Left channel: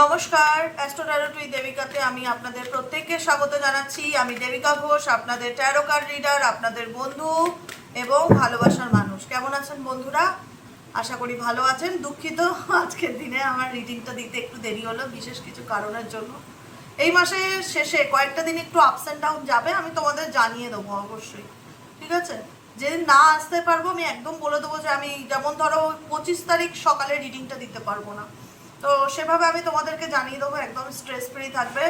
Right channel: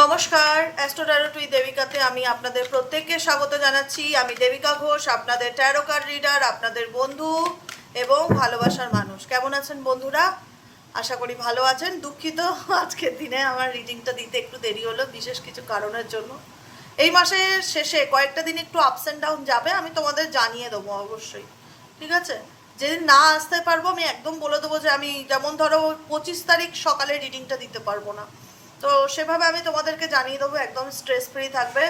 নমস্কার, astro taro টুই দেবিকাতে আমি আপনাদের প্রত্যেককে স্বাগত জানাচ্ছি। আমি দেবিকা ঘোষ, আপনাদের ট্যারো কার্ড রিডার, আপনাদের বন্ধু এবং ভালোবাসার মানুষ। কেমন আছেন বন্ধুরা? আশা করি ভালো আছেন। দুঃখিত, আজকের দিনে আমার রিডিংটা দিতে একটু দেরি হলো বিশেষ কিছু কারণের জন্য। এই মাসের শেষে কয়েকটা দিন একটু আপস অ্যান্ড ডাউন যাবে, আমি তোমাদের জানিয়ে দেবো অবশ্যই, ঠিক আছে? যেদিন না আসতে পারবো আমি একদম বলে দেবো যে আমি, যেমন ধরো 25 তারিখ সকালে রিডিংটা দিতে পারবো না, তো সেভাবে আমি তোমাদেরকে জানিয়ে দেবো, একদম স্ট্রেস ফ্রি থাকবে।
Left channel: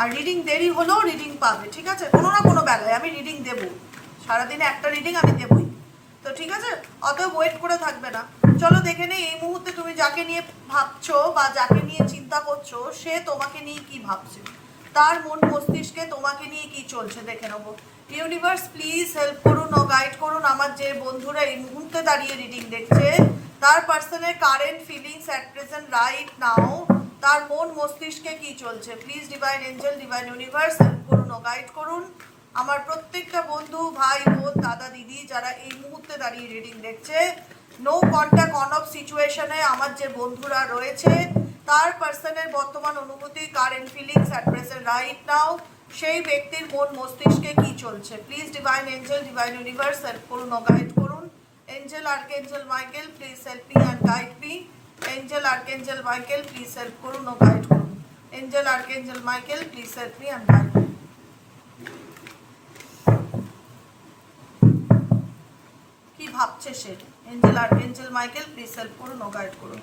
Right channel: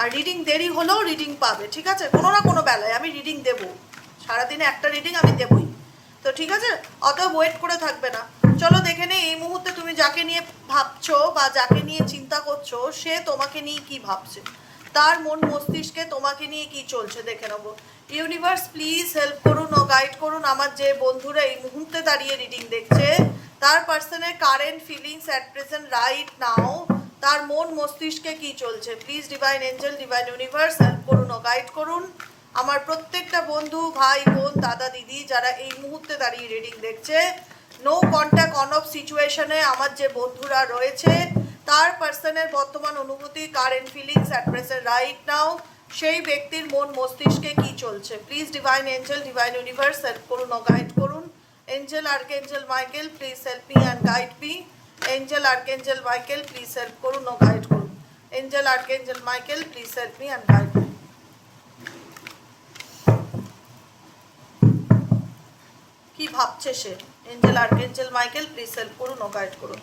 আর রিডিং দেরি হলেও রিডিং পাবে, ঠিক আছে? কোনো না কোনো বেলায় আমি রিডিং দেবো, সারাদিনে একটা রিডিং আমি দেবই, তো ঠিক আছে? অত ওয়েট করে থাকবে না। চলো দেখে নেই এই মুহূর্তে তুমি যাকে নিয়ে ভাবছো বা যাকে নিয়ে চিন্তা করছো সে তোমাকে নিয়ে কি ভাবছে, তার মন মস্তিষ্কে তোমাকে নিয়ে কি চলছে দেখে নেবো। ইউনিভার্স প্লিজ হেল্প করুন ও গাইড করুন আমার যে বন্ধুরা এই মুহূর্তে দাঁড়িয়ে রিডিং দেখছে, তার পার্সনের current feelings at present right নাও, তার মন মস্তিষ্কে কি চলছে। Please divine angel, divine universe help করুন ও গাইড করুন আমার প্রত্যেকটা বন্ধু, ভাই বোন, দাদা দিদি যারা এই মুহূর্তে দাঁড়িয়ে রিডিং দেখছে। নো কন্ট্যাক্ট অন অফ সিচুয়েশনে আমার যে বন্ধুরা রয়েছে, তার পার্সনের বর্তমান অনুভূতি, current feelings at present right now, সেই ব্যক্তির মন মস্তিষ্কে কি চলছে। Please divine angel, divine universe help করুন ও গাইড করুন। Angel archangel Michael please help me and guide me. Angel archangel Michael please help করুন ও গাইড করুন। Angel archangel Michael please help me and guide me. কি ভাবছে সে? Angel archangel Michael please help করুন ও গাইড করুন।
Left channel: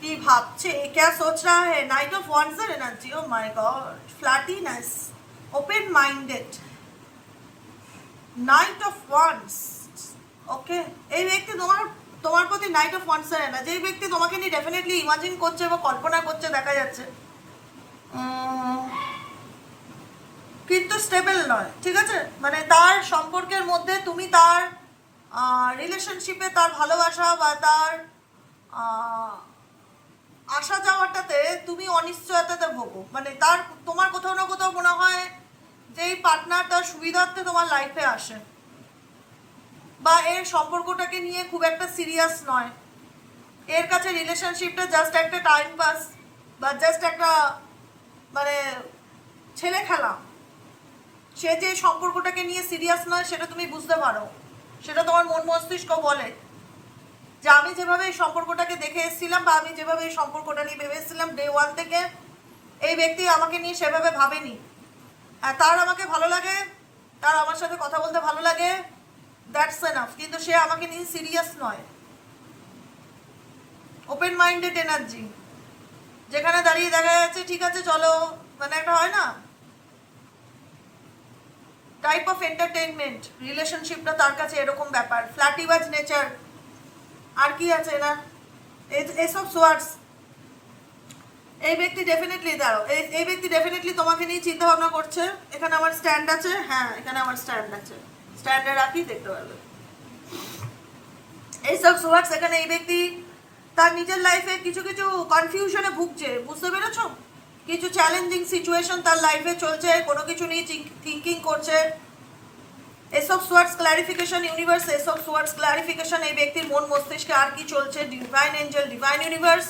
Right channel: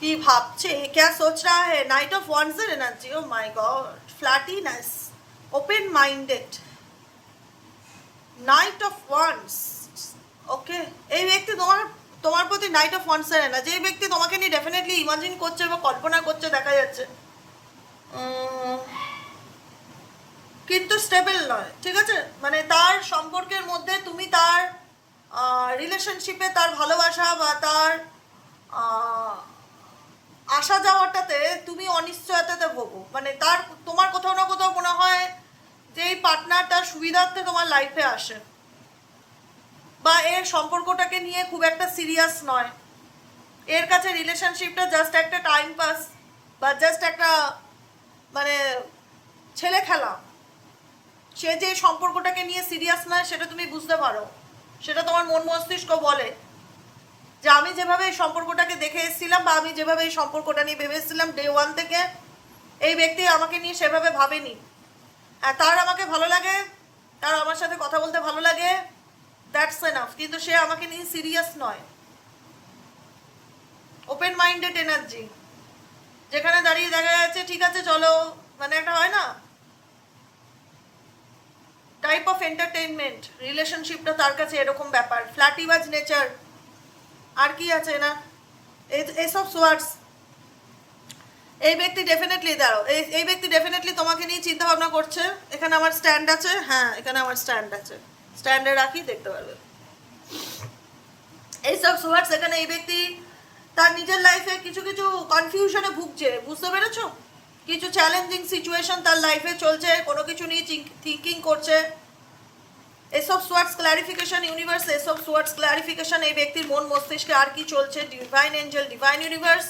কি ভাবছে, क्या सोच रहा है? नाइट ऑफ वॉन्ड्स এর এনার্জি। ও মাই গড, ফ্ল্যাটিনেস, open minded, knight of wands. Okay, এই ব্যক্তি তোমার প্রতি নাইট অফ ওয়ান্ডস এর এনার্জি, এই ব্যক্তি তোমাকে নিয়ে ডেফিনেটলি ইমাজিন করছে বা কল্পনা করছে দেখা যাচ্ছে, কিন্তু স্টেবল নয়, ঠিক আছে? মানে তার সম্পর্কের মধ্যে তুমি তার রিলেশনশিপে তার ভালোবাসা বা তার আসা যাওয়াটাতে তুমি অনিশ্চয়তাতে ভোগো। মানে তার, তোমার কোথাও না কোথাও মনে হয় যে এই পার্টনার তার সুবিধার্থে তোমার লাইফে আসে, বা এর সম্পর্কটাকে নিয়ে খুব একটা সিরিয়াস নয়, এর কাছে রিলেশনশিপটা জাস্ট একটা টাইম পাস বা জাস্ট একটা মানে ছেলে খেলা। সে যে সম্পর্কটাকে নিয়ে সিরিয়াস নয় সেটা তুমি বুঝতে পারো, সেটা তোমার মন মস্তিষ্ক বলে যে আমি যেভাবে এই সম্পর্কটাকে দেখে এসেছিলাম বা আমি যেভাবে এই সম্পর্কটা নিয়ে ভেবে এসেছিলাম ডে ওয়ান থেকে, এই ব্যক্তি আমাকে নিয়ে সেভাবে ভাবেনি। হ্যাঁ, তার আমাকে ভালো লাগে, তার আমার সাথে কথা বলতে ভালো লাগে, দ্যাটস এনাফ, কিন্তু সে আমাকে নিয়ে সিরিয়াস নয়। ওপেন মাইন্ডেড এনার্জি, যেখানে দাঁড়িয়ে দেখা যাচ্ছে ঠিক আছে চলো, মানে একটা হয় না টাইপ অফ এন্টারটেইনমেন্ট, রিলেশনশিপটা তার কাছে এরকম ব্যাপার। ফ্ল্যাটিবাজ নেচার, আর কি আছে না, এসব সোয়ার্ডস। এই ব্যক্তি ডেফিনেটলি দাঁড়াও, এই ব্যক্তি ডেফিনেটলি তোমাকে নিয়ে চিন্তা ভাবনা করছে। এখানে আমার স্ট্যান্ড আছে, হ্যাঁ এখানে আমার স্ট্যান্ড আছে, স্ট্যান্ডে রাখি দেখতে পাবে। এইসব সোয়ার্ডস, এখানে এই ব্যক্তি তার নিজের লাইফে কিছু কিছু কনফিউশনে ভুগছে, বুঝতে পেরেছো? কিছু চ্যালেঞ্জিং সিচুয়েশন তার লাইফে চলছে, কোনো কিছু নিয়ে থিঙ্কিং করছে। এসব সোয়ার্ডস ক্লারিফিকেশন ইউনিভার্স, এসব সোয়ার্ডস ক্লারিফিকেশন এই ব্যক্তির মন মস্তিষ্কে আর কি চলছে। Divine angel, divine universe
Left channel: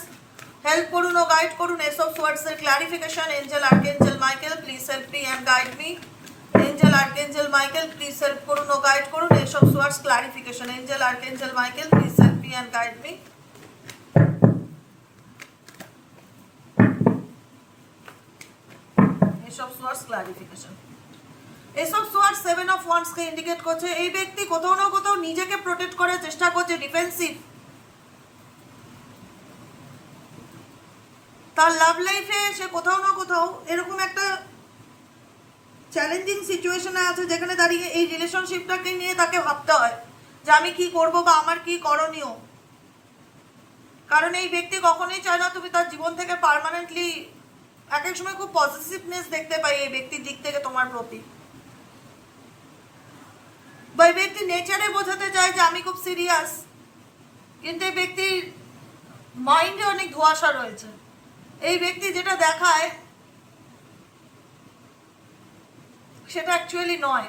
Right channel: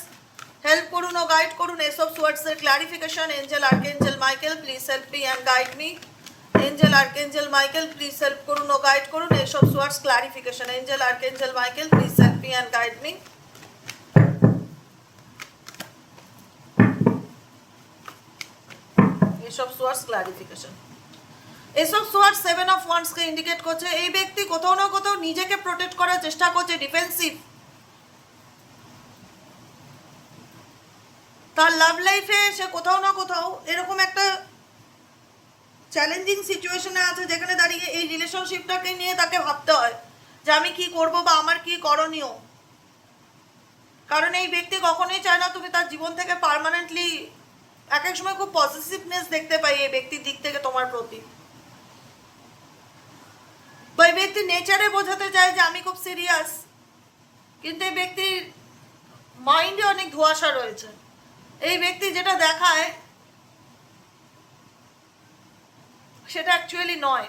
help করুন ও গাইড করুন এসব সোয়ার্ডস এর clarification. Angel archangel Michael please help me and guide me. Angel archangel Michael please help করুন ও গাইড করুন এসব swords clarification. Angel archangel Michael please help me and guide me. এসব সোয়ার্ডস ক্লারিফিকেশন, এসব sword seven of wands কে indicate করছে। এই ব্যক্তি কোথাও না কোথাও নিজেকে প্রোটেক্ট করার চেষ্টা করছে, ডিফেন্সিভ। তার লাভ লাইফে সে কোথাও না কোথাও এরকম একটা চ্যালেঞ্জিং সিচুয়েশনে আছে যেখানে দাঁড়িয়ে এই রিলেশনশিপটাকে নিয়ে তাকে ভাবতে হয় যে আমি কি করব বা আমার কি করণীয়। কারণ এই ব্যক্তি কখনোই চায় না তুমি তার জীবন থেকে পার্মানেন্টলি, এক এক সময় খুব পজিটিভনেস দেখতে পাই এই ব্যক্তির দিক থেকে তোমার প্রতি, বা এই ব্যক্তি নেচারে বোঝাতে চায় যে আমি খুব সিরিয়াস, কিন্তু এই ব্যক্তির মাইন্ডে অনেক ধোঁয়াশা রয়েছে। এই ব্যক্তি যেটা দেখায় সেটা অ্যাকচুয়ালি নয়।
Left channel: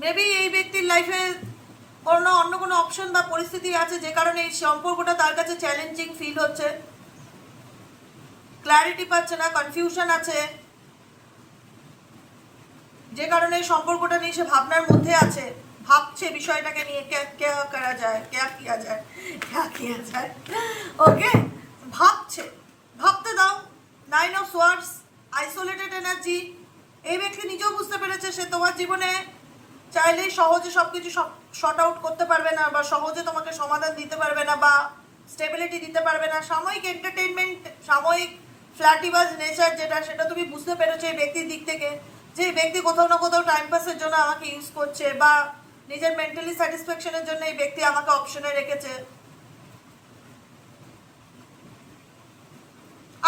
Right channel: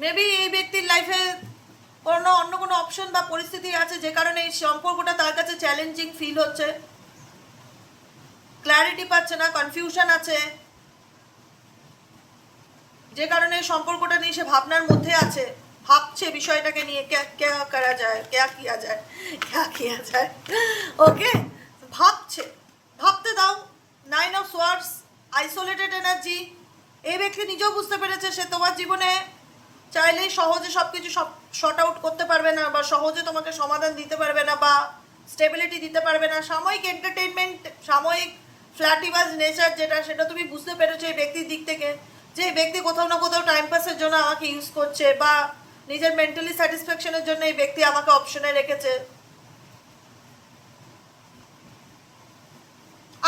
মেবি এই ব্যক্তির লাইফে অন্য কোনো অপশন বা পরিস্থিতি আছে যে কারণে এই সম্পর্কটা তার কাছে চ্যালেঞ্জিং ফিল হচ্ছে, ক্ল্যারিটি পাচ্ছে না, কনফিউশন আছে, যে কারণে এই সম্পর্কটা নিয়ে সে ভাবনার মধ্যে আছে, ভাবছে বিষয়টাকে নিয়ে क्या करा जाए, क्या किया जाए, क्या किया जाए। ওকে, ভাবছে, ভাবতে দাও। 9 অফ সোয়ার্ডস, আইসোলেটেড এনার্জি। এই ব্যক্তি নিজেও বুঝতে পেরেছে সে তোমার জীবনে চাইলে সহজে সবকিছু শর্ট আউট করতে পারবে না, বা সহজে তোমাকে সমাধান দিতে পারবে না, বা স্টেবিলিটি দিতে পারবে না। সাময়িক এন্টারটেইনমেন্ট, সাময়িক ফ্ল্যাটিবাজ নেচার যেটা, সেটা তুমি বুঝতে পেরেছো এই ব্যক্তির দিক থেকে, যে ব্যক্তি কোথাও না কোথাও টাইম পাসের জন্য আমাকে ইউজ করছে, বা নিজের মেন্টালি স্যাটিসফ্যাকশনের জন্য এই ব্যক্তি আমাকে অপশনে রেখেছে।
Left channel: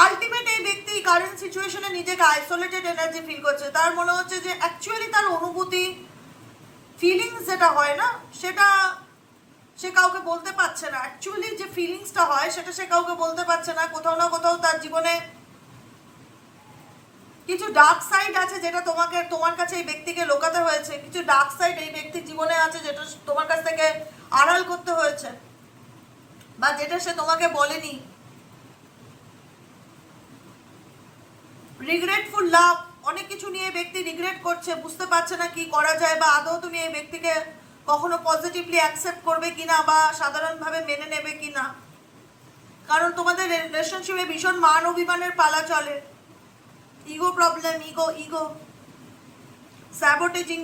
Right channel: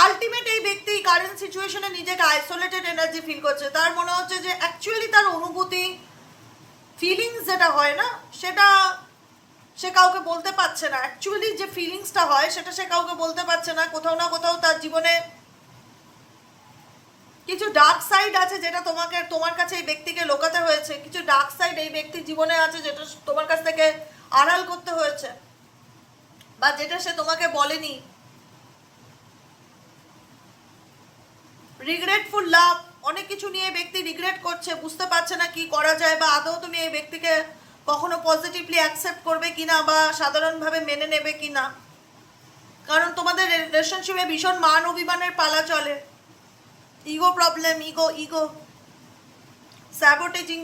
আলটিমেট এই ব্যক্তি কারেন্ট সিচুয়েশনে নিজেকে আইসোলেটেড এনার্জি ফিল করছে। তার মনে হচ্ছে যে অ্যাকচুয়ালি তার অনুভূতি, ফিলিংস যেটা হয় না, সেটা সে কাউকে বলতে পারছে না। অ্যাকচুয়ালি যে ফিলিংসটা হয় সেটা সে কাউকে বলতে পারছে না। কোথাও না কোথাও তার জীবনে কিছু ডার্ক সাইড আছে যেটা তোমার কাছে এই ব্যক্তিকে লোকাতে হয়েছে। কিছু ডার্ক সাইড এই ব্যক্তির জীবনে আছে যেটা তোমার কাছ থেকে আড়াল করতে হয়েছে, বা যেটা সে তোমাকে বলেনি। রিগ্রেটফুল লাভ, অনেক কিছু নিয়ে ব্যক্তি রিগ্রেট করছে, বুঝতে পারছে না কি করা যায়, বা আদৌ তুমি এই ব্যক্তিকে কখনো পজিটিভলি অ্যাকসেপ্ট করবে কিনা, বা সাধারণভাবে মেনে নেবে কিনা। কারণ তোমাদের রিলেশনশিপে ভীষণ মান অভিমানের পালা চলে, ইগো প্রবলেম, ইগো স্যাবোটেজিং,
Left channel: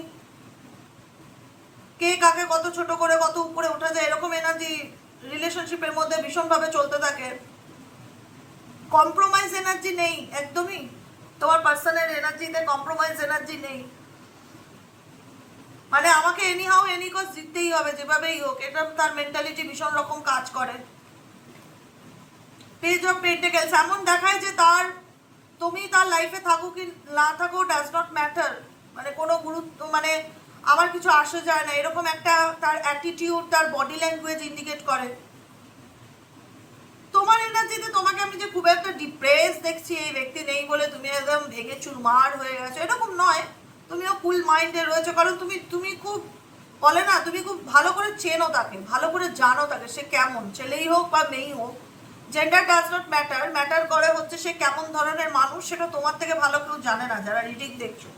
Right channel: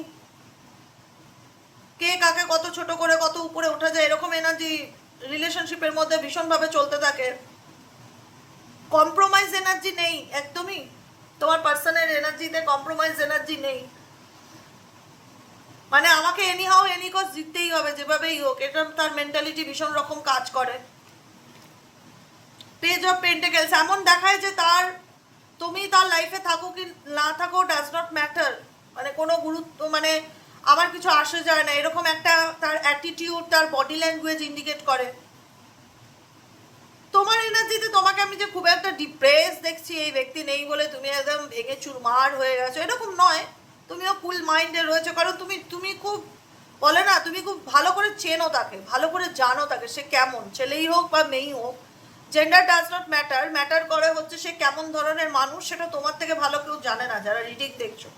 কে কাকে কত ছোট করে কত উপরে ওঠা যায়, এরকম এনার্জি রিলেশনশিপের মধ্যে ভীষণভাবে চলতে থাকে। কম্প্রোমাইজ এনার্জি নেই একদমই, তোমার পার্সনের এনার্জিতে কম্প্রোমাইজ এনার্জি নেই। মানে আমাকে এনিহাউ এনি কজ জিততেই হবে যেভাবেই হোক, এটা তার মেন্টালিটি ভীষণ রকম কাজ করে। পেজ অফ পেন্টিকেলস, এমন দেখায় যে তুমি তার লাইফে থাকো কি না থাকো ডাজ নট ম্যাটার, মানে কোনো গুরুত্ব, মানে আমার কিছু আসে যায় না, এরকম একটা তার অ্যাটিটিউড, তার বডি ল্যাঙ্গুয়েজ ইন্ডিকেট করে। তোমার এনার্জিতে তোমাকে আমি যে খুব একটা ডিপ্রেস দেখছি, এই ব্যক্তি নেই বলে তুমি একদম ভেঙে চুরমার হয়ে গেছো, এরকম নয়। তুমিও কুল মাইন্ডে রয়েছো, কারণ তুমি খুব বলে না, তুমি খুব ভালো করে চেনো তাকে, ভালো করে জানো তাকে, সে কেমন, ছেলেই হোক বা মেয়েই হোক, gender does not matter. Matter করে হচ্ছে সে কেমন ধরনের মানুষ, সেটা তোমার থেকে ভালো কেউ জানে না যারা রিডিং দেখছো।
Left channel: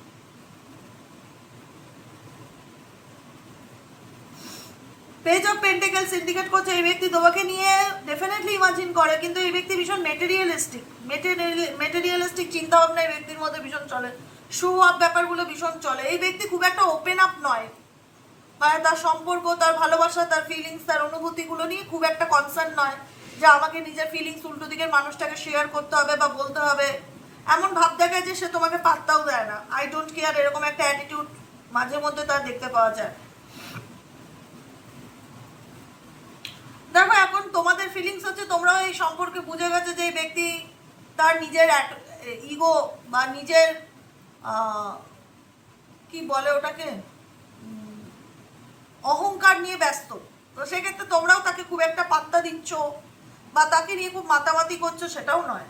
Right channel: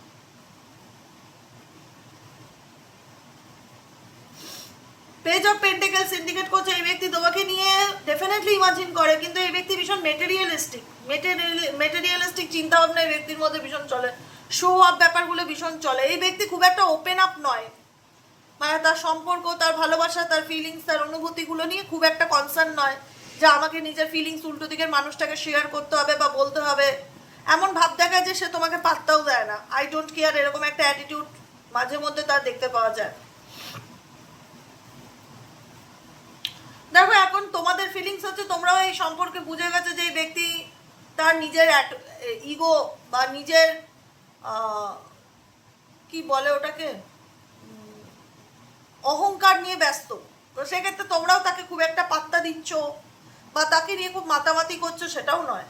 পেজ অফ পেন্টিকলস ইন্ডিকেট করছে এই ব্যক্তি তোমাকে নিয়ে ডেফিনেটলি ইমাজিন করে, কিন্তু এই ব্যক্তি ভীষণ মেটেরিয়ালিস্টিক চিন্তা ভাবনা এই ব্যক্তির মধ্যে ভীষণ চলে, শো আপ ব্যাপারগুলো ভীষণ চলে। এই ব্যক্তি খুব একটা ওপেন আপ নয়, মানে তার সম্পর্ক, তার ভালোবাসা, তার ফিলিংস, তার অনুভূতিগুলো নিয়ে খুব একটা কনসার্ন নয় যে আমাকে নিজের ফিলিংস উল্টো দিকের মানুষটাকে শেয়ার করতে হবে বা বলতে হবে। এমন ভাব দেখায় যে সে তোমাকে পাত্তাও দেয় না, আই ডোন্ট কেয়ার, এরকম একটা অ্যাটিটিউড মাঝে মধ্যে তার দেখতে পাওয়া যায়। দেখো এখন তোমাদের ফিলিংস হচ্ছে তোমরাও এই সম্পর্কে বুঝে গেছো যে এই ব্যক্তি তার নিজের ইগো বা নিজের কি বলে ওটাকে, অহংকার নিয়ে ব্যস্ত। তো সেক্ষেত্রে তোমরাও তাকে খুব একটা পাত্তা দিচ্ছ বা তাকে নিয়ে খুব মাতামাতি করছো সেটাও নয়।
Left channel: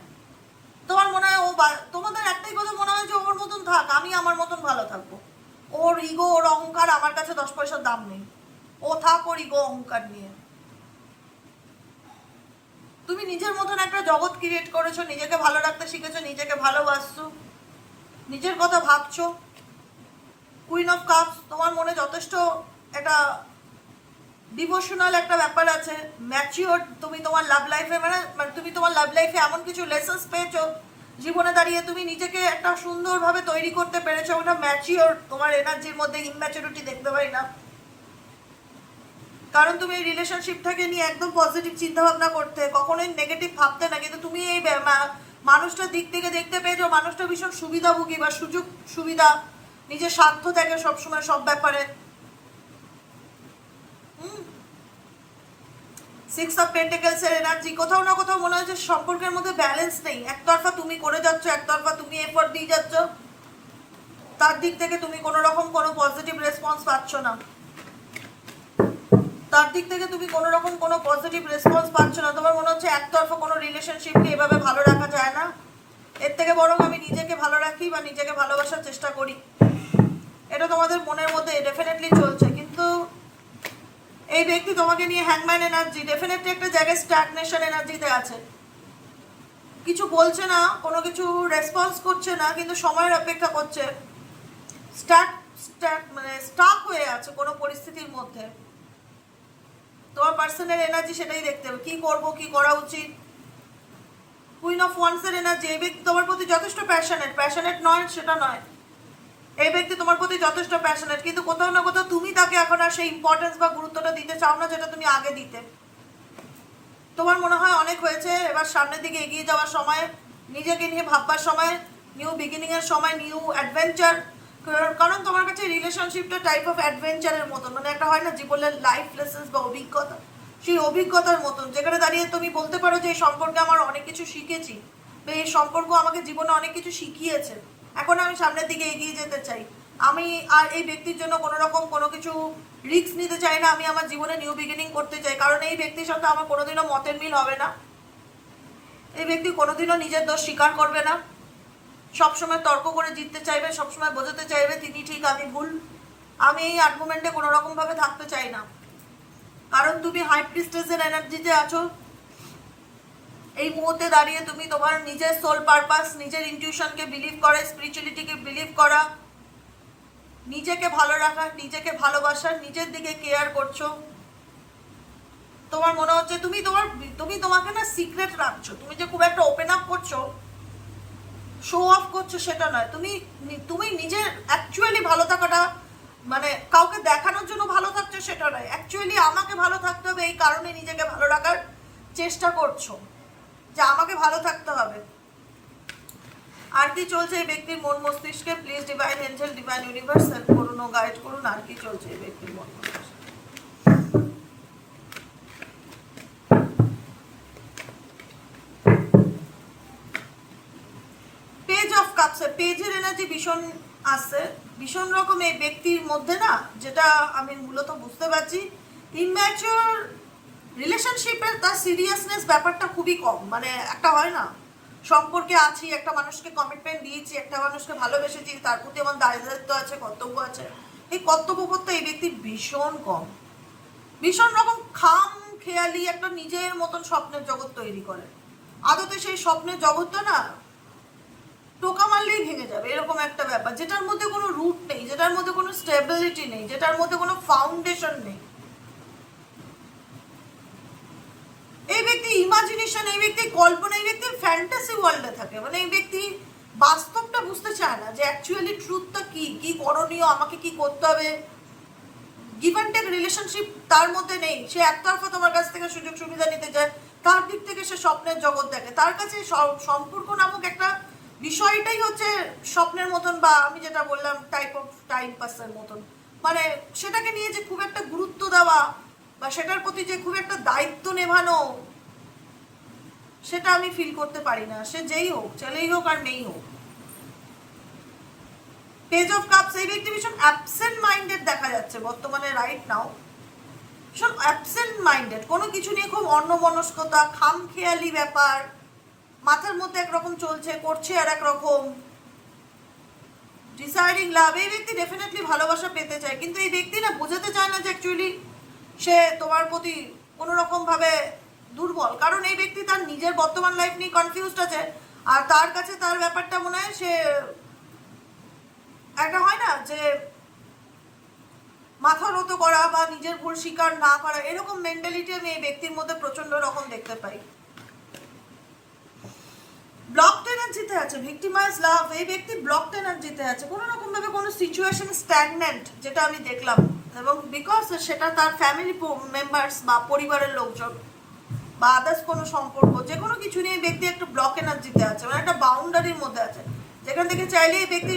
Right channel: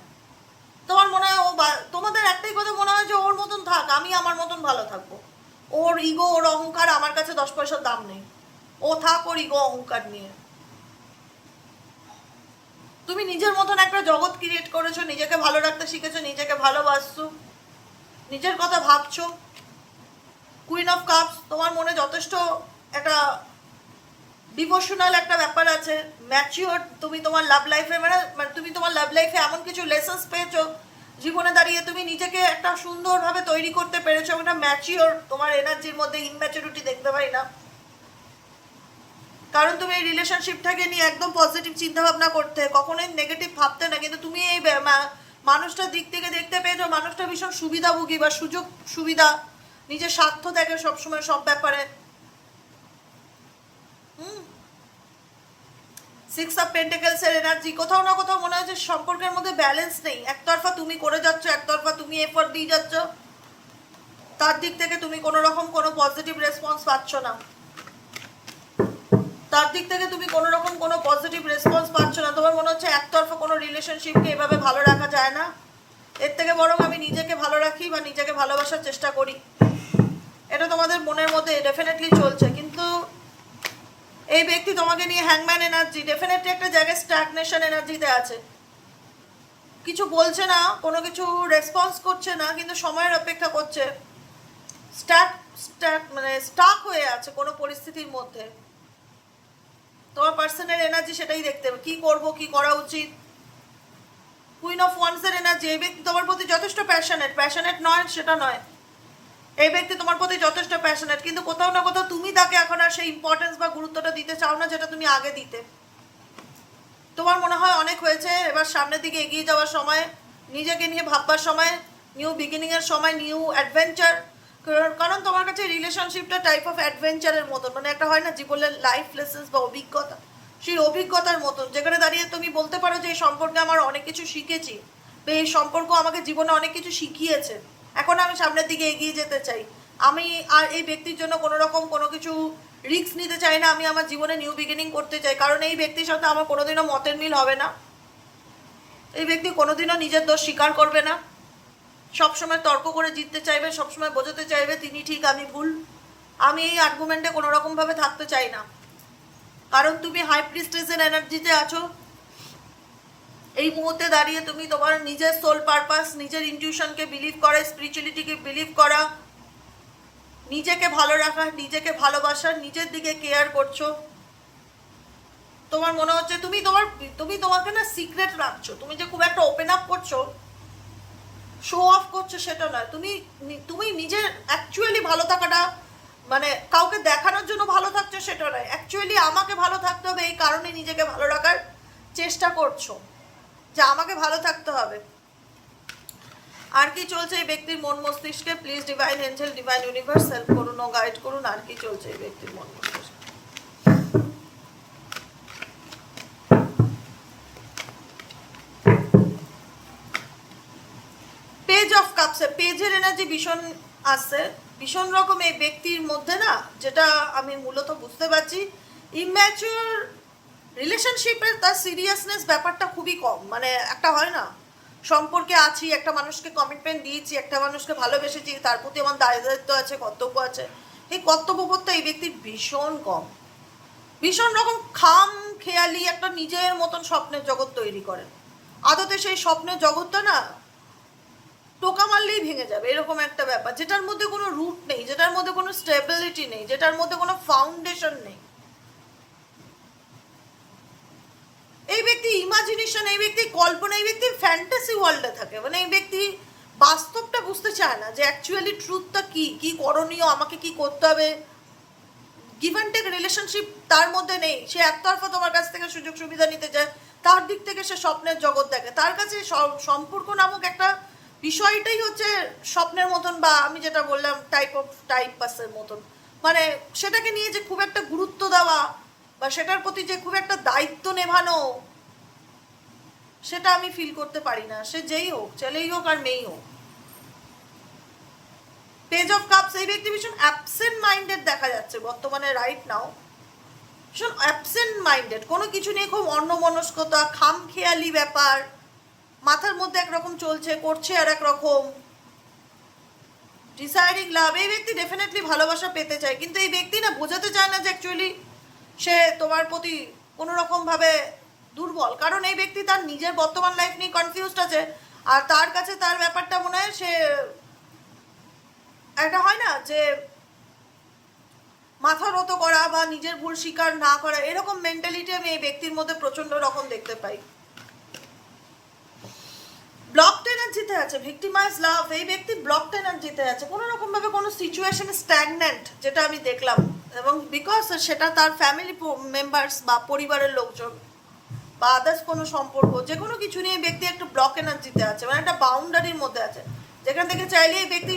তোমার মনে হয় তোমাদের একটাই কথা মনে হয় যে ওর মতন থাক, আমি আমার মতন ভালো থাকবো, ওর ইগো ওর অহংকার আমার কাছে 10 পয়সার দাম নেই, ও থাক ওর ইগো অহংকার নিয়ে। তুমি নিজের মতন একটা জগৎ ক্রিয়েট করেছো, নিজেকে ভালো রাখতে শিখেছো, নিজেকে ভালোবাসছো, নিজের কথা ভাবছো। কুইন অফ কাপস, তোমার মনে যথেষ্ট একটা ডিভোশনাল একটা ব্যাপার আছে, ম্যাচিওর। তুমি তোমার লাভ লাইফে তুমি তোমার লাভ লাইফে এমন কিছু লেসন্স পেয়েছো জীবনে দাঁড়িয়ে, তুমি নিজেকে একটা সুন্দরভাবে তৈরি করতে পেরেছো, একটা ম্যাচিওর। তোমার এনার্জির মধ্যে ইম্যাচুরিটি দেখতে পাই না, কারণ তুমি এই রিলেশনশিপটাকে নিয়ে একদম পজিটিভ চিন্তা ভাবনা করতে, কখনোই নেগেটিভ ভাবতে না। কিন্তু তুমি এই মানুষটার দিক থেকে দেখতে পেয়েছো মানুষটা ভীষণ সুবিধাভোগী বা সুযোগ সুবিধা, নিজের স্বার্থ থাকে সবসময় সব ব্যাপারে। 6 অফ পেন্টিকলস এর এনার্জি, কোথাও না কোথাও মনে হয় যে সম্পর্কের মধ্যে ব্যালেন্স নেই, একতরফা তুমি করে যাচ্ছ, একতরফা তুমি এফোর্ট দিয়ে যাচ্ছ, তার দিক থেকে তুমি কোনো রকম কোনো পজিটিভ রেসপন্স পাচ্ছ না, তার দিক থেকে তুমি কোনো রকম কোনো পজিটিভ রেসপন্স পাচ্ছ না। তোমার মনে হচ্ছে একতরফা কোনো রিলেশনশিপকে এভাবে ভালো রাখা যায় না, এর থেকে বরং আমি নিজেকে ভালো রাখি বা নিজেকে ভালোবাসার চেষ্টা করি, এটা তোমাদের মনের মধ্যে ডেফিনেটলি চলছে। কিন্তু এই ব্যক্তি তোমাকে নিয়ে হ্যাংম্যান এনার্জি, ডেফিনেটলি একটা জায়গায় স্ট্যাগনেশন এনার্জিতে আছে, কিছু বলছে না, কোনো কিছু রেসপন্স করছে না, কিন্তু সময়ের অপেক্ষা করছে, স্টাক হয়ে আছে কোনো পরিস্থিতির মধ্যে। তোমার পার্সোনাল এনার্জি সেটাই দেখতে হবে, কি করব, কি করা উচিত। কুইন অফ ওয়ান্সের এনার্জি, এই ব্যক্তি তোমার প্রতি যথেষ্ট প্যাশনেট নয় সেটা নয়, এই ব্যক্তি তোমার প্রতি যথেষ্ট প্যাশনেট, কিন্তু কোথাও না কোথাও তুমি তাকে এখন আর সেই ইম্পর্টেন্স বা গুরুত্বটা দিতে চাও না যেটা তুমি আগে দিতে। তোমার মনে হয় অনেক হয়েছে, এবার সামনের দিকে এগিয়ে যাওয়ার সময়, নিজেকে নিয়ে ভাববার সময়, নিউ বিগিনিং এর সময়, নিউ অ্যাডভেঞ্চার। কারণ তোমার কাছে রিলেশনশিপটা টাইপ অফ অ্যাডভেঞ্চারের মতন, মানে একটা হয় না জীবনের লাইফ লেসন্স বা অভিজ্ঞতা, সেই অভিজ্ঞতার মতন, যেখানে দাঁড়িয়ে তুমি বলতে পারো যে এই সম্পর্কে আমার অনেক কিছু শিখেছি, বা এই সম্পর্ক আমাকে জীবনে অনেক কিছু শিখিয়েছে, এখন আমি সামনের দিকে এগিয়ে যেতে চাই। আমি আর এই ব্যক্তির জন্য কোনো রকম কোনো কিছু রিস্ক নিতে চাই না, আমি আমার জীবনে নিউ বিগিনিং করতে চাই, কারণ এই ব্যক্তির সাথে আমার কোনোদিনও মতের মিল হবে না, এই ব্যক্তি কোনোদিনও নিজের দোষ স্বীকার করবে না, সবসময় তর্ক করে জিততে চাইবে, সবসময় বোঝাতে চাইবে তিনি ঠিক আমি ভুল। আমি এই আর্গুমেন্টে কোনো রকম ভাবে থাকতে চাই না, কারণ তুমি হাই প্রিস্টেসের এনার্জিতে আছো। এই মুহূর্তে দাঁড়িয়ে তুমি তোমার নিজের সোল পারপাস, নিজের ইনটিউশনকে বিলিভ করা, স্পিরিচুয়ালিটিকে বিলিভ করা, নিজেকে ভালো রাখা, নিজেকে ভালোবাসা, নিজের দিকে কেয়ার করছো। তোমার মনে হচ্ছে তুমি তোমাকে না সিক্রেট রাখছো, তুমি যে খুব একটা ওপেন আপ করছো, শো অফ করছো সেটা নয়, তুমি নিজের অ্যাকচুয়ালি ভালো থাকাটা, মানে কাউকে দেখানোর জন্য ভালো থাকছো সেটা নয়, অ্যাকচুয়ালি আমাকে ভালো থাকতে হবে এই কারণে নিজেকে ভালো রাখার চেষ্টা করছো, যে আমাকে ভালো থাকতে হবে। আর কি চলছে এই ব্যক্তির মন মস্তিষ্কে? Please divine angel, divine universe help করুন ও গাইড করুন, আর কি চলছে এই ব্যক্তির মন মস্তিষ্কে? পেজ অফ কাপস, পেজের এনার্জি ভীষণ আসছে, ভীষণ রকম এই ব্যক্তির মধ্যে না, যেটা আমি মূলত বুঝতে পারছি, ইম্যাচিওর রিলেশনশিপের তার সিরিয়াসনেস ব্যাপারটা খুবই কম, মানে একটা হয় না সম্পর্কে আছি, একটা মানুষকে কমিটমেন্ট দিয়েছি, একটা মানুষকে ভালোবেসেছি, তার প্রতি আমার দায়িত্ব আছে, কর্তব্য আছে, এই কর্তব্যবোধটা এই ব্যক্তির ভীষণ কম, ভীষণ রকম খাম খেয়ালি একটা নিজের মতন স্বপ্নের জগৎ তৈরি করে, আদতে সেই স্বপ্নের জগৎটা না টোকা মারলেই ভেঙে যাবে, এরকম একটা ব্যাপার, যেটার মধ্যে কোনো রুট নেই, যেটার মধ্যে কোনো স্টেবিলিটি নেই, যেটার মধ্যে কোনো ফাউন্ডেশন নেই। এই ব্যক্তি ইমাজিনেশন, এই ব্যক্তি কল্পনা, এই ব্যক্তি ফ্যান্টাসি ওয়ার্ল্ডে থাকে, মানে এই ব্যক্তি বাস্তবটা বুঝতে চায় না যে অ্যাকচুয়ালি ট্রুথটা কি, কি করণীয়, আমাকে কি করতে হবে। গিভ অ্যান্ড টেক রিলেশনশিপ তার মধ্যে নেই, সে একতরফা তোমার কাছ থেকে সুযোগ সুবিধা নিতে চায়, তার দিক থেকে সে স্বপ্নের জগৎ দেখে, তার কাছে সম্পর্ক নামক একটা বিষয়টাই হচ্ছে স্বপ্নের মতন, বা আমি যেটা বললাম টাইপ অফ টাইম পাসের মতন, মানে সেটাকে নিয়ে যে খুব একটা গুরুত্ব দেওয়া বা সেটার প্রতি যে খুব একটা দায়িত্ব নেভানো, সেটা আমি ফিল করতে পারি না, সে যেই হোক, ছেলেই হোক আর মেয়েই হোক। পেজ অফ কাপস, এই ব্যক্তি ভীষণ অ্যাবসেন্ট মাইন্ডেড দেখা যাচ্ছে বর্তমানে, রাইট নাও ভীষণ অ্যাবসেন্ট মাইন্ডেড, কোনো কিছু নিয়ে খুব অন্যমনস্কতা, খামখেয়ালি ব্যাপার, মাথার মধ্যে একরকম চলছে, করছে আর একরকম। ডিসাইডিং লাভ, এই ব্যক্তি ডেফিনেটলি ভালোবাসা পেতে চায়, কিন্তু এই ব্যক্তি না বোঝাতে চায় না যে অ্যাকচুয়ালি সে তোমার প্রতি কোনো রকম ভাবে দুর্বল, কারণ এই ব্যক্তি তার নিজের বর্তমান লাইফ নিয়ে কনফিউজড আছে, আর তার কাছে তার ব্যাপারটা মনে হয় সে একটা হয় না যে মাথা নত করা বা নিজের ভুল স্বীকার না করা, এরকম মেন্টালিটি আমি এই ব্যক্তির মধ্যে প্রচন্ড রকম দেখতে পাই। ব্লকড এনার্জিতে আছে, ভিক্টিমাইজ লাভ, এই ব্যক্তি ব্লকড এনার্জিতে আছে, কোনো রকম ভাবে কোনো সিচুয়েশন স্ট্যাগনেন্ট, যেটা আমি দেখলাম, এবং বিকজ সেটা তার ফ্যামিলি মেম্বার্স বা পরিবারের লোকজন বা আদার্স কোনো সম্পর্ক, যে কোনো কিছু নিয়ে ব্যক্তি একটু ব্লক এনার্জিতে আছে, মানে একটা বাউন্ডারির মধ্যে আছে, যেখান থেকে চাইলে এই ব্যক্তি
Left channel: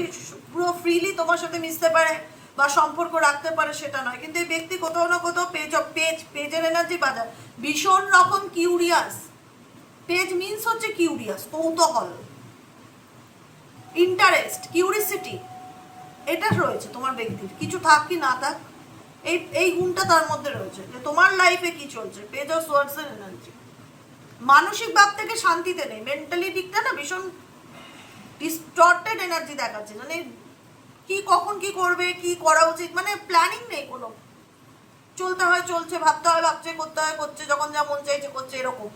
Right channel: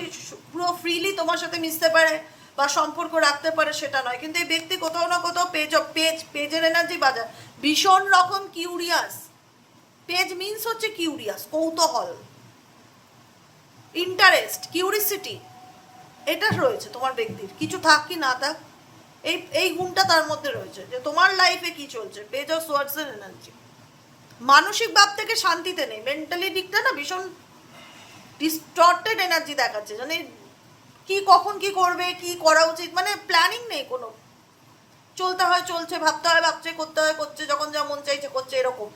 পুরো ফ্রিলি তোমার সাথে মিশতে পারে বা সম্পর্ক রাখতে পারে সেটা নয়, কিন্তু এই ব্যক্তি কোথাও না কোথাও পেজের এনার্জি বাজায়, ভীষণ রকম কিউরিয়াস। পেজ মিন্স হচ্ছে কিউরিয়াস, কৌতূহল, ইন্টারেস্ট, কিউরিসিটি, এটা রয়েছে তোমার ব্যক্তির, কিছু থাক কি না থাক, এই গুণটা তার মধ্যে রয়েছে, যে তোমার লাইফে কি চলছে। পেজ অফ সোয়ার্ডস এর এনার্জি, মানসিক ভাব থেকে শান্তিতে নেই, মেন্টালি দিকটা না ভীষণ ডিস্টর্টেড এনার্জি দেখাচ্ছে, মানে কি কখন কি করবে, কি করা উচিত, মানে প্ল্যানিং নেই কোনো, চলতে হয় চলছে, ভাবতে হয় ভাবছে, করতে হয় করছে, যখন যা মন চাইছে করছে, এরকম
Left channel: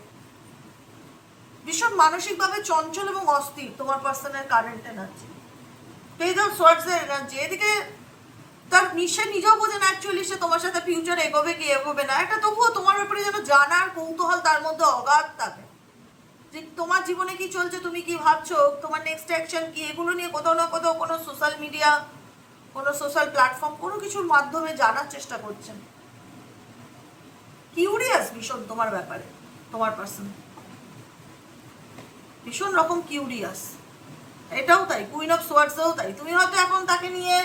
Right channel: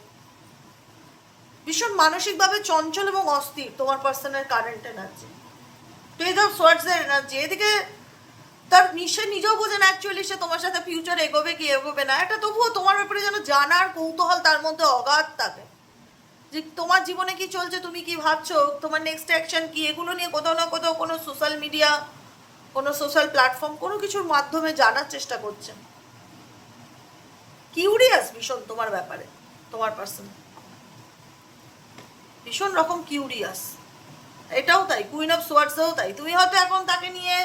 ভীষণ মানসিকভাবে চঞ্চল এবং অস্থির তোমার পার্সনের current energy. Page of swords এর এনার্জি, এদিকে তার সে নিজেও বোঝে না অ্যাকচুয়ালি সে তোমার সাথে ফিউচার এগোবে কি এগোবে না, এটা তবুও তোমার ব্যাপারে যেন জানার কৌতূহল তার মধ্যে অগাধ থাকে, যে তোমার জীবনে কি চলছে, তুমি কি ভাবছো, তোমার নেক্সট অ্যাকশন কি, এগুলো নিয়ে কোথাও না কোথাও কোনো সোশ্যাল মিডিয়া, কোনো সোশ্যাল প্ল্যাটফর্ম, কোনো কিছুর মাধ্যমে জানার চেষ্টা করছেন। কিউরিয়াস ভীষণ তোমার ব্যাপারে, তোমার পার্সন ভীষণ রকম কিউরিয়াস। এটাও তাই, কুইন অফ সোয়ার্ডসেও তাই। তুমি হয়তো এখন তাকে নিয়ে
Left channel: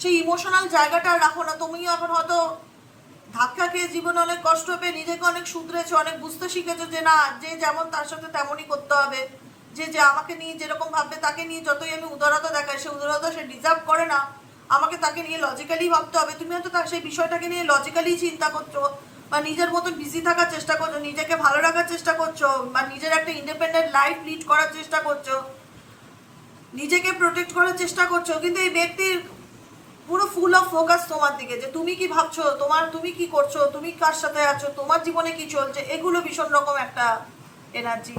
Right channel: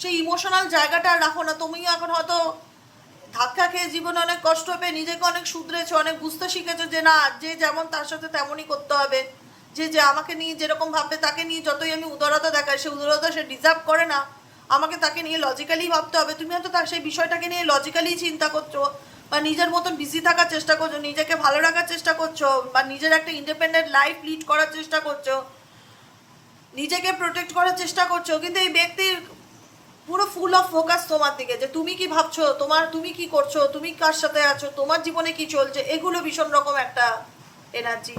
সেই ইমোশনাল জায়গাটা রাখো না, তুমি এখন হয়তো ধাক্কা খেয়ে জীবনে অনেক কষ্ট পেয়ে নিজেকে অনেক শুধরেছো, অনেক বুঝতে শিখেছো যে না, যে যেমন তার সাথে তেমনই করতে হবে, যে যে আমাকে নিয়ে যেরকম ভাববে, তাকে নিয়ে যতই আমি উদারতা দেখাই, সে উদারতা সে ডিজার্ভ করে না, আমাকে তাকে নিয়ে লজিক্যালি ভাবতে হবে। তুমি হয়তো তার সেই বিষয়টাকে নিয়ে লজিক্যালি চিন্তা করছো, বা নিজের মতন বিজি থাকার চেষ্টা করছো, নিজেকে ভালো রাখার চেষ্টা করছো, বা নিজের একটা ইন্ডিপেন্ডেন্ট লাইফ লিড করার চেষ্টা করছো, নিজেকে প্রোটেক্ট করার চেষ্টা করছো, কিন্তু এই ব্যক্তির পুরো ফুল অফ ফোকাস তোমার দিকে, যে তুমি কি ভাবছো, তুমি কি করছো, তুমি কার সাথে আছো, তোমার জীবনে কি চলছে, এগুলো ভীষণ রকম একটা এনার্জি।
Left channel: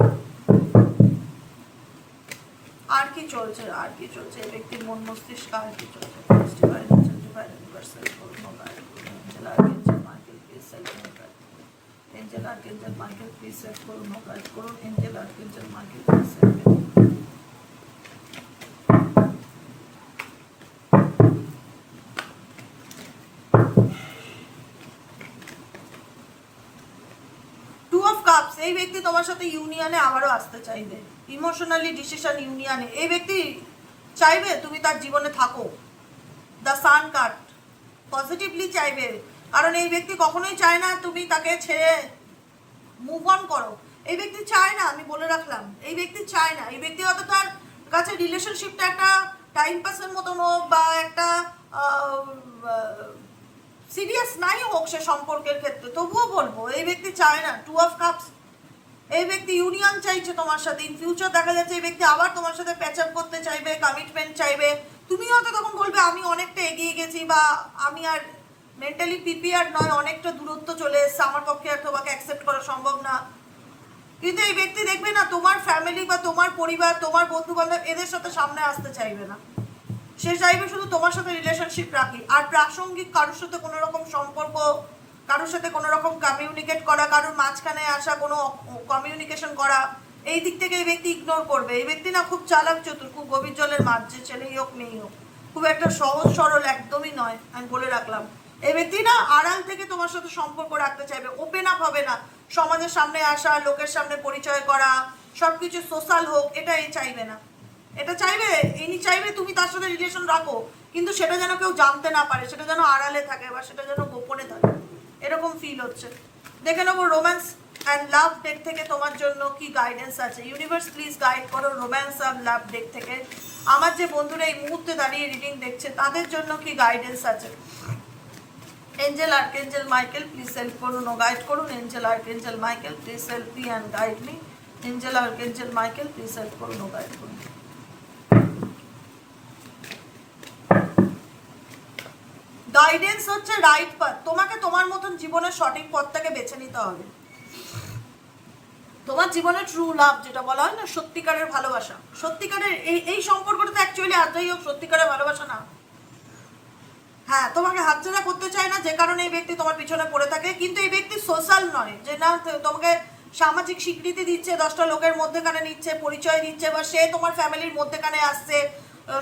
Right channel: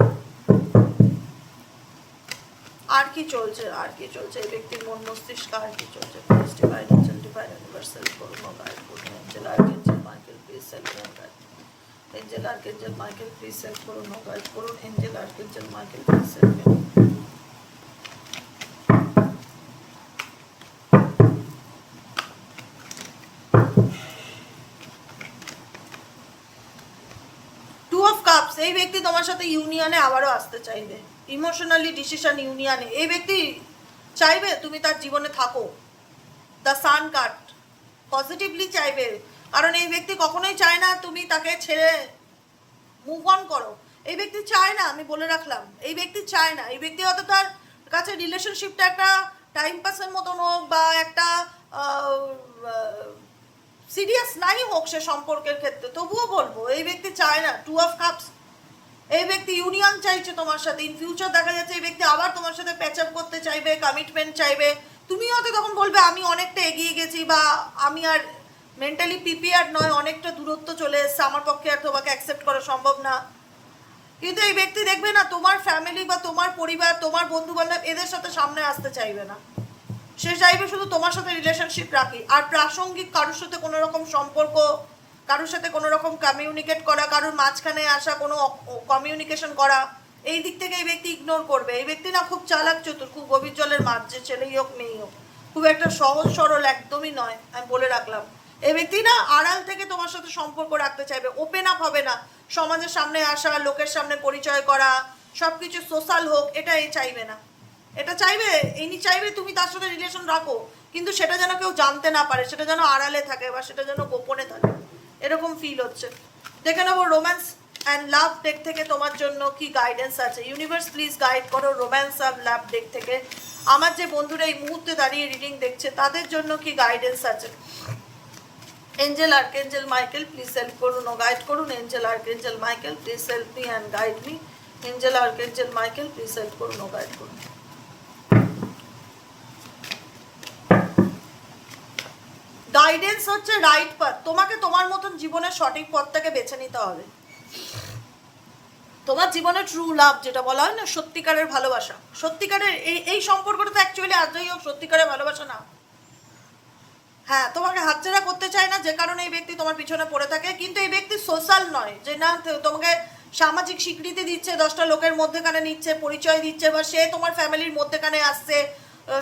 আর কি চলছে, আর কি চলছে এই ব্যক্তির মন মস্তিষ্ক, আর কি চলছে? Angel archangel Michael please help করুন, গাইড করুন। Angel archangel Michael please help করুন। এই ব্যক্তি তোমার সাথে ইউনিয়নে আবারও আসতে চাইবে, ইমোশনালি ডিসিশন ইউনিয়নে এই ব্যক্তি চাইবে তুমি তার জীবনে থাকো। দ্য সান কার্ড পজিটিভলি চাইবে, কারণ এই ব্যক্তি কখনোই চায় না তুমি তাকে ছেড়ে মুভ অন করো। এই ব্যক্তি চায় না, আমি বলে রাখলাম, এই ব্যক্তি চায় না। এই ব্যক্তি হয়তো তার কাছে রিলেশনশিপটা একটা টাইম পাসের মতন হোক, বা একটা সিরিয়াস নাই হোক সে সম্পর্কের ক্ষেত্রে, তবুও বলবো এই ব্যক্তি চায় না। টু অফ কাপস, এই ব্যক্তি ইউনিয়ন চাইছে তোমার সাথে। ইন ফিউচার দেখা যাচ্ছে এই ব্যক্তি আবার তোমার সাথে প্যাচ আপ করতে চাইবে, কমিটমেন্ট চাইবে। তুমি হয়তো তখন বলবে আমি অনেকটা এগিয়ে গেছি, বা আমি আর মেন্টালি প্রিপেয়ার্ড নয়, অনেকটা দূরত্ব চলে এসছে, আমার পক্ষে আর তোমাকে অ্যাকসেপ্ট করা সম্ভব না। কিন্তু এই ব্যক্তি দেখবে না তোমার ফ্যামিলি বা তোমার পরিবার, তোমার বন্ধু বান্ধব, এদের সাথে সামনে আসতে চাইবে না। সে চাইবে শুধু তোমার সাথে রিলেশনশিপ রাখি, আর প্রাসঙ্গিক কারোর সাথে কোনো রকম সম্পর্ক, কারোর সাথে কোনো রকম কমিউনিকেট করা, কারোর মাঝখানে আসা কোনো কমিউনিকেশন করা, এই দিক থেকে এই ব্যক্তি ইগনোর করবে। এই ব্যক্তি না খুব চালাক চতুর, খুব গভীর জলের মাছ, যে ছেলেই হোক মেয়েই হোক, খুব একটা সহজ সরল একদমই নয়, আমি বলে রাখলাম। এই ব্যক্তি না আড়াল থেকে তোমার সাথে সম্পর্ক রাখতে চাইবে, ওপেন আপ হবে না। সমাজের সামনে আসা, লোকের সামনে পরিচয় করা, সবকিছু সোশ্যাল হোক, এটা এই চাইবে না। এটা চাইবে, ইনি চাইবে তুমি তার সাথে রিলেশন রাখো, কিন্তু সেটা যেন কেউ জানতে না পারে, সেটা যেন আড়ালে থাকে, বা সেটা যেন গোপনে থাকে, এরকম ফিল হচ্ছে। দেখে নেবো রোম্যান্স অ্যান্ড লাভ ডেক থেকে তোমার জন্য কি গাইডেন্স আছে। ইউনিভার্স প্লিজ গাইড করো রোম্যান্স অ্যান্ড লাভ ডেক থেকে আমার যে বন্ধুরা এই মুহূর্তে দাঁড়িয়ে রিডিং দেখছে, তাদের জন্য কি গাইডেন্স আছে। Angel archangel Michael please help করুন ও গাইড করুন। Angel archangel Michael please help me and guide me. Angel archangel Michael please help করুন ও গাইড করুন। গাইডেন্স হচ্ছে রাইট পাথ। তোমাকে তোমার মতন জীবনের সঠিক পথটাকে বেছে নিতে হবে। তোমার জীবনে ট্রু লাভ যেটা বলা হয় না, সত্যিকারের ভালোবাসা, সত্যিকারের এই সম্পর্কটা তো অ্যাকচুয়ালি আর যাই হোক সত্যিকারের ভালোবাসা না। হ্যাঁ, তোমাকে হাতছাড়া করতে চায় না, যে কারণে এই ব্যক্তি তোমার পিছনে পড়ে থাকে। কিন্তু এই ব্যক্তি সোশ্যাল নয়, যে না তোমাকে সামাজিক স্বীকৃতি দিচ্ছে, 10টা লোকের মধ্যেখানে নিচ্ছে, পরিচয় দিচ্ছে, বা সে তোমার ফ্যামিলির মধ্যেখানে আসছে,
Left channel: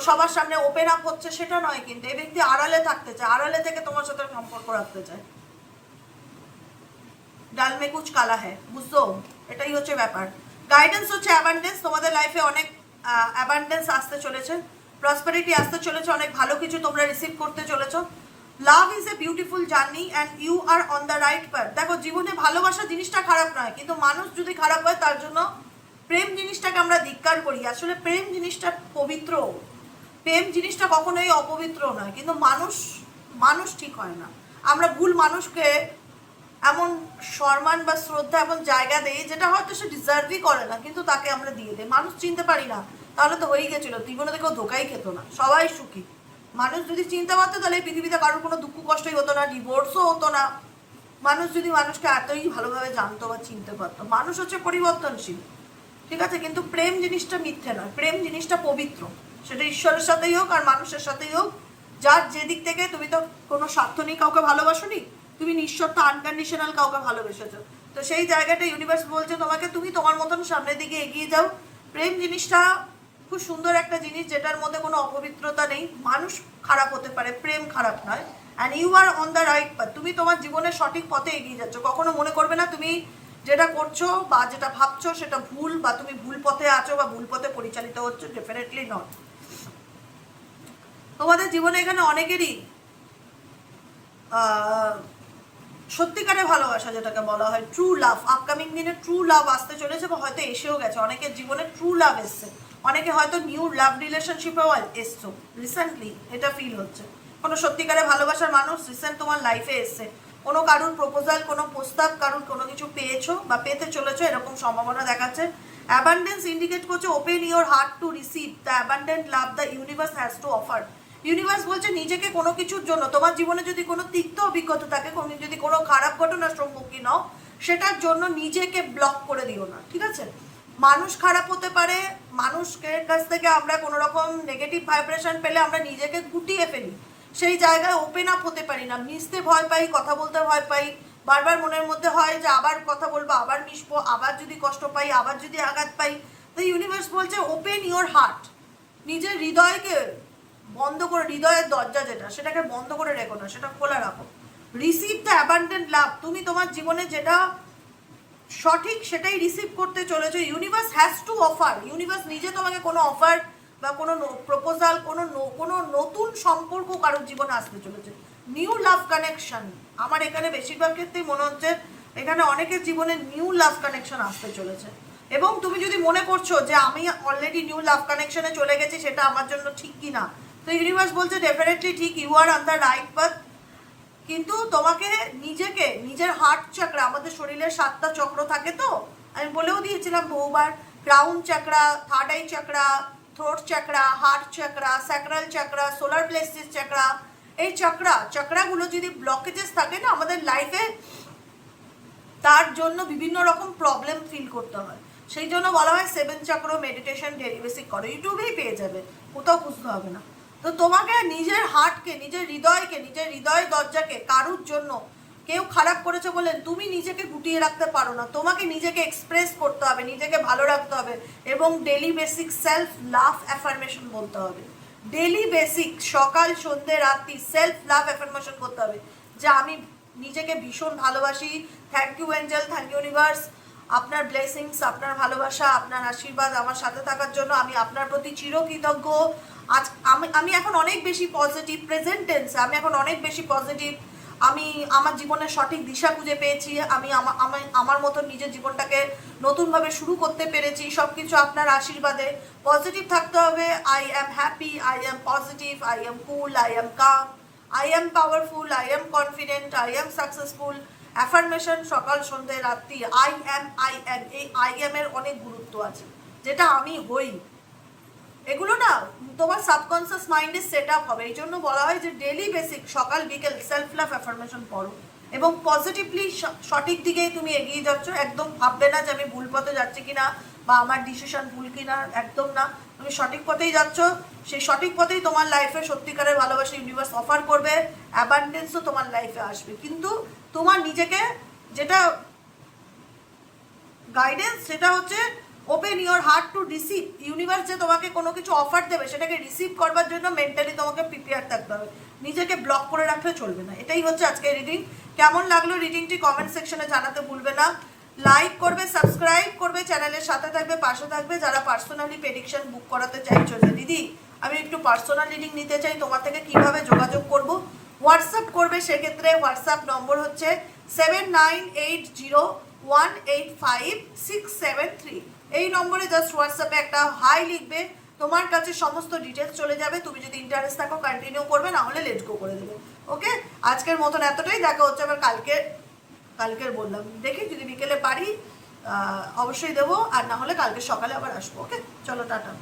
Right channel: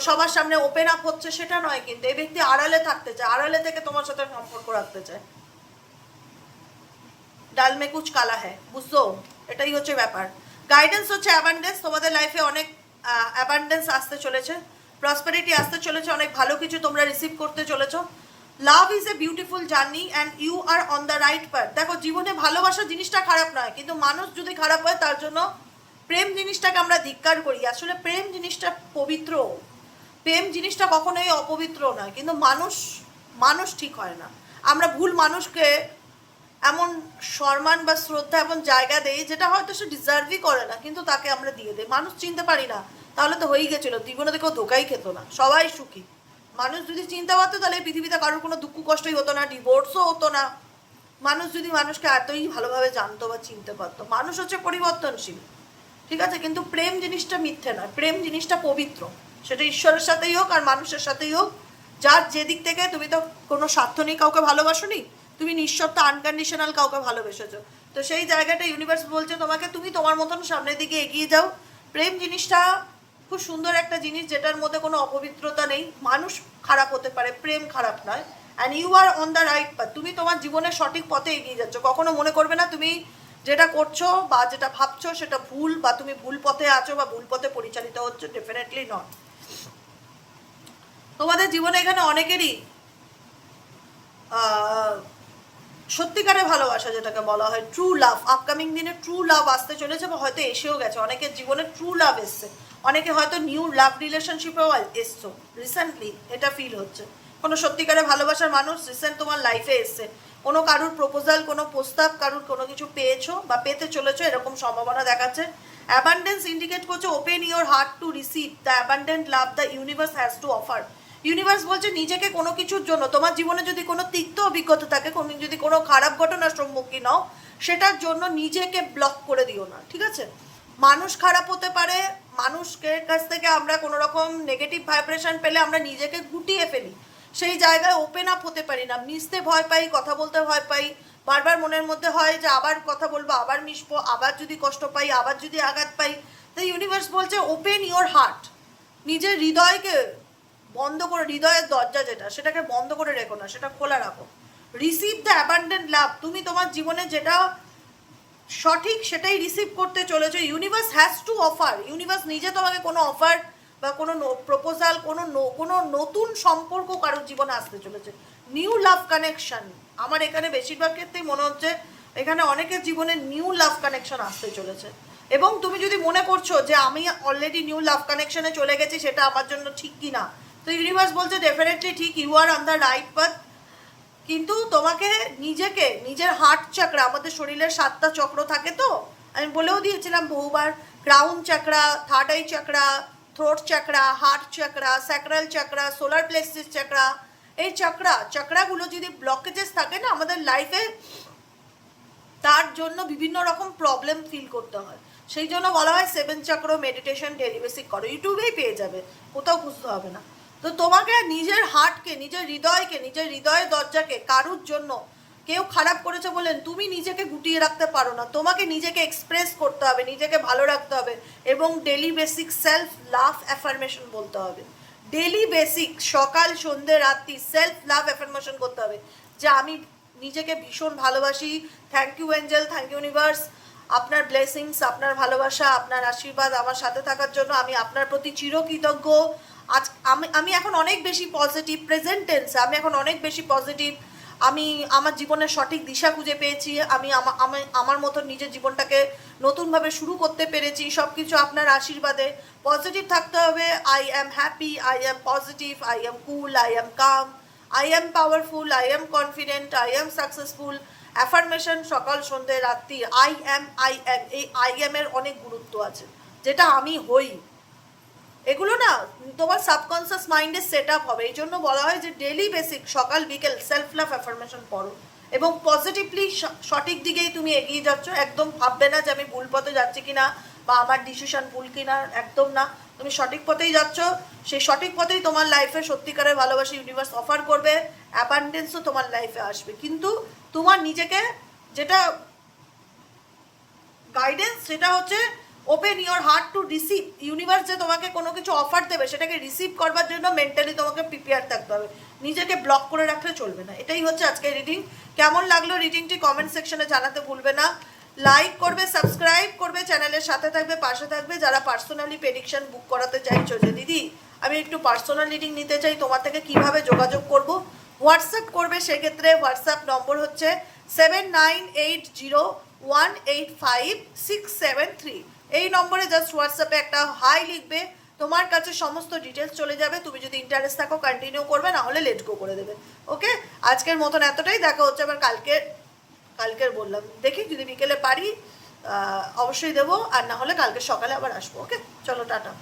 সবার সামনে ওপেন আপ হচ্ছে, সেটা নয়। কিন্তু এই ব্যক্তি আড়ালে থাকতে চায়, আড়ালে থেকে তোমার সাথে সম্পর্ক রাখতে চায়। ডাল মে কুচ কালা হ্যাঁ, বুঝছো? এটাই হচ্ছে ব্যাপার। গাইডেন্স হচ্ছে অ্যাবান্ডেন্স, তোমাদের লাইফে অনেক অ্যাবান্ডেন্স আসতে চলেছে, প্রসপারিটি আসতে চলেছে, অনেক ভালো কিছু তোমরা রিসিভ করতে চলেছো। Love is a beautiful journey and you are on the right path. দেখো, জীবনে ভালোবাসা জিনিসটা খারাপ নয়, কিন্তু মানুষ যদি খারাপ হয় তার জন্য প্রেম জিনিসটাকে আমরা ধিক্কার করি। আসলে প্রেম জিনিসটা পবিত্র, প্রেম জিনিসটা কখনোই অপবিত্র নয়, কিন্তু মানুষ ঠিক হয় না। আমরা ভুল মানুষকে এমন সম্মান বা শ্রদ্ধা এবং জায়গা দেই যেটা হয়তো সে ডিজার্ভই করে না, কিন্তু তাকে আমরা দিয়ে দেই। মানুষ চিনতে পারি না, তাহলে তো হয়েই গেছিল, জীবনে কেউ ধোকাই খেত না, সবাই সুখী। মানুষ যদি চিন্তা পারতো তাহলে এই পৃথিবীতে কারোর কোনো দুঃখ কষ্টই হতো না, ডিভোর্সও হতো না। মানুষ যদি মানুষকে এতই ভালোভাবে জানতো বা চিনতে পারতো। মানুষ হচ্ছে পরিবর্তনশীল, ঠিক আছে, কিন্তু প্রেম জিনিসটা মিথ্যে নয়, প্রেম জিনিসটা পবিত্র। সেটা ঈশ্বরের সাথেই হোক আর মানুষের সাথেই হোক, যার যেদিক থেকে, তুমি তো কোনো স্বার্থ নেই কাউকে ভালোবাসোনি, তুমি নিঃশর্ত আনকন্ডিশনাল কাউকে ভালোবেসেছো। তো সেই জায়গাটা ইউনিভার্স বলছে তোমাকে, তুমি তোমার মতন সামনের দিকে এগিয়ে যাও। প্রেম জিনিসটা খুব সুন্দর একটা জিনিস, যেটার মধ্যে কোনো অপবিত্রতা নেই। মানুষ খারাপ হতে পারে, প্রেম খারাপ নয়। And you are on the right path, তুমি তোমার জীবনের সঠিক পথে এগিয়ে যাচ্ছ। কখনো মনে করবে না তুমি যেটা করছো বা যেটা ভাবছো সেটা ভুল, বা তুমি ভুল পথে আছো বা ভুল পথে পরিচালিত হচ্ছে, ডেফিনেটলি নট। তোমাদের জীবনে এখানে অনেকেরই সত্যিকারের ভালোবাসা, যেটাকে বলা হয় ট্রু লাভ, আপকামিং দিনে ট্রু লাভ আসতে চলেছে বা হয়তো এসেও গেছে। অনেকের জীবনে ট্রু লাভ এসছে, অনেকে হয়তো নিউ লাভ রিলেশনশিপেও এসছো রিসেন্টলি, এটা ফিল হচ্ছে। কোনো সত্যিকারের ভালোবাসার মানুষ রিসেন্ট তোমার লাইফে এসছে, কোনো কারুর প্রপোজাল, কোনো প্রস্তাব, কারুর কোনো কিছু পেয়েছো বা পেতে চলেছো, এরকম সম্ভাবনা দেখাচ্ছে। অ্যাবান্ডেন্স ইন্ডিকেট করছে open your heart to receive the abundant love the universe has to offer. Universe বলছে নিজেকে কোনো কিছুর জন্য, তোমার জীবনে যদি কোনো তিক্ত অভিজ্ঞতা থাকে, তুমি যদি কোনো খারাপ ঘটনার সম্মুখীন হও, সেটার জন্য নিজেকে ব্লক করে দিও না, ঠিক আছে। মানুষ খারাপ হতে পারে, মানুষকে কাছ থেকে আমরা কোনো রকম নেগেটিভ ভাইব্রেশন পেলে আমরা নিজেকে গুটিয়ে ফেলি, সেই জায়গায় ওপেন আপ হতে পারি না, মিশতে ভয় পাই, কথা বলতে ভয় পাই, বারবার মনের মধ্যে হয় যে আবার কথা বলবো, আবার মিশবো, আবার যদি কষ্ট পাই, আবার যদি আঘাত পাই। তো ইউনিভার্স বলছে ওপেন ইউর হার্ট, নিজের হৃদয়কে বন্ধ করে, হৃদয়ের দরজা যেটা, সেটাকে বন্ধ করে রেখো না, সেটা খোলা রাখো। রিসিভ দ্য অ্যাবান্ডেন্ট লাভ, তুমি তোমার জীবনে যেটা সঠিক সেটাই রিসিভ করতে চলেছো। Universe has to offer, universe নিজে তোমাকে কোনো অফার বা কোনো প্রপোজাল, কোনো নতুন সম্পর্ক কারোর জীবনে আসতে চলেছে, নিউ লাভ কানেকশন। আমার এখানে বেশিরভাগ ক্ষেত্রেই মনে হচ্ছে এখানে অনেকের জীবনে নিউ লাভ কানেকশন আসতে চলেছে। এবং তুমি যদি মনে করছো যে আমি অলরেডি নিউ লাভ কানেকশনে চলে গেছি, সেটা আমার জন্য ঠিক কি না, তো ইউনিভার্স বলছে ডেফিনেটলি ঠিক, you are on the right path. কিন্তু তোমাকে নিজেকে, নিজের হার্ট চাকরা, আমাদের শরীরের 7টা চক্র থাকে, তো আমি বলেও দিয়েছিলাম বহুবার, crown চাকরা, third eye চাকরা, throat চাকরা, heart চাকরা, sacral চাকরা, solar plexus চাকরা। এই চাকরাগুলো যদি ব্লকেজেস থাকে না আমাদের লাইফে, তার জন্য বিভিন্ন রকম প্রবলেম ফিল করতে হয়। সেই জন্য বলা হয় 7 চক্র মেডিটেশন ডেইলি বেসিক করো, ইউটিউবেই পেয়ে যাবে, কোথাও বুঝতে হবে না। তো তোমাকে নিজের হার্টকে, নিজের হৃদয়কে, নিজের হৃদয়ের দরজাকে, কারুর জন্য কেউ খারাপ করেছে বলে তুমি নিজেকে গুটিয়ে রাখতে পারো না, তোমাকে নিজেকে এক্সপ্রেস করতে হবে, নিজেকে ভালো রাখতে হবে, এবং daily basic self love affirmation বলতে হবে। ডেইলি বেসিক সকাল সন্ধ্যে রাত্রি সেলফ লাভ অ্যাফার্মেশন করতে হবে, যে আমি নিজেকে ভীষণ ভালোবাসি, thank you angel, thank you universe, আপনার ব্লেসিংস, আপনার ভালোবাসা, আপনার আশীর্বাদ আমার সাথে থাকার জন্য আমি আপনার প্রতি চিরকৃতজ্ঞ। আজ আমি এখন অনেক বেশি পজিটিভ, প্রেজেন্ট টেন্সে আমি এখন অনেক বেশি পজিটিভ, আমি আমার জীবনের সঠিক দিশা খুঁজে পেয়েছি, আমি আমার মতন নিজের জীবনটাকে নতুনভাবে শুরু করতে পেরেছি, সব কিছু আপনার আশীর্বাদে। পজিটিভ থাকতে হবে, I am happy, I am positive, I am cool, I am calm, I am powerful, I am confident, I am successful. Affirmation সকাল সন্ধ্যে রাত্রি, আই অ্যাম, এই আই অ্যাম এর অনেক গুরুত্ব আছে, যেটা আমি হই। এগুলো না তোমার সাবকনসিয়াস মাইন্ডে সেট আপ হবে, এই জন্য বলা হয় যে ডেইলি বেসিক সকাল বিকেল সেলফ লাভ অ্যাফার্মেশন পড়ো, এবং পজিটিভলি সঠিক দিকেই তুমি এগিয়ে যাচ্ছ। একদম ভাববে না যে আমি ভুল পথে যাচ্ছি কিনা বা আমার ডিসিশন ভুল কিনা, একদম না, তুমি সঠিক পথেই যাচ্ছ। সেই সঠিক পথেই তোমার লাইফে সত্যিকারের ভালোবাসা ইউনিভার্স অফার করবে, অ্যাবান্ডেন্সও তোমার লাইফে আসবে। কিন্তু তোমার নিজেকে যেটা গাইডেন্স, সেটা হচ্ছে open your heart to receive. Universe যে তোমাকে কোনো কিছু অফার দেবে, সেটাকে রিসিভ করবার জন্য মেন্টালি তোমাকে প্রিপেয়ার থাকতে হবে, নিজেকে ব্লক করে রাখলে চলবে না। এটাই হচ্ছে আজকের রিডিং। কেমন লাগলো রিডিংটি কমেন্ট সেকশনে জানাতে ভুলবে না। লাইক করবে, সাবস্ক্রাইব করবে, চ্যানেলের সাথে থাকবে, পাশে থাকবে। যারা পার্সোনালি প্রেডিকশন বুক করাতে চাইছো যে দিদি আমি একটু পার্সোনাল রিডিং নিতে চাই, তোমার থেকে কিভাবে যোগাযোগ করব, হোয়াটসঅ্যাপ করবে। সেক্ষেত্রে হোয়াটসঅ্যাপ নম্বর হচ্ছে 7980185673। এই নম্বরে জাস্ট হোয়াটসঅ্যাপে একটা হাই লিখবে, তোমার কাছে সমস্ত ডিটেলস চলে যাবে। তুমি যদি ইন্টারেস্ট থাকো কন্টিনিউ করবে, না হলে লেট গো করে দেবে। ওকে, আজকের মতন এতটাই, দেখা হচ্ছে আবার কালকের বললাম, দেখি যদি বিকেলে পারি অবশ্যই দেবো, আর না হলে কালকে সকালে আবার আসবো। ওকে, চলো টাটা।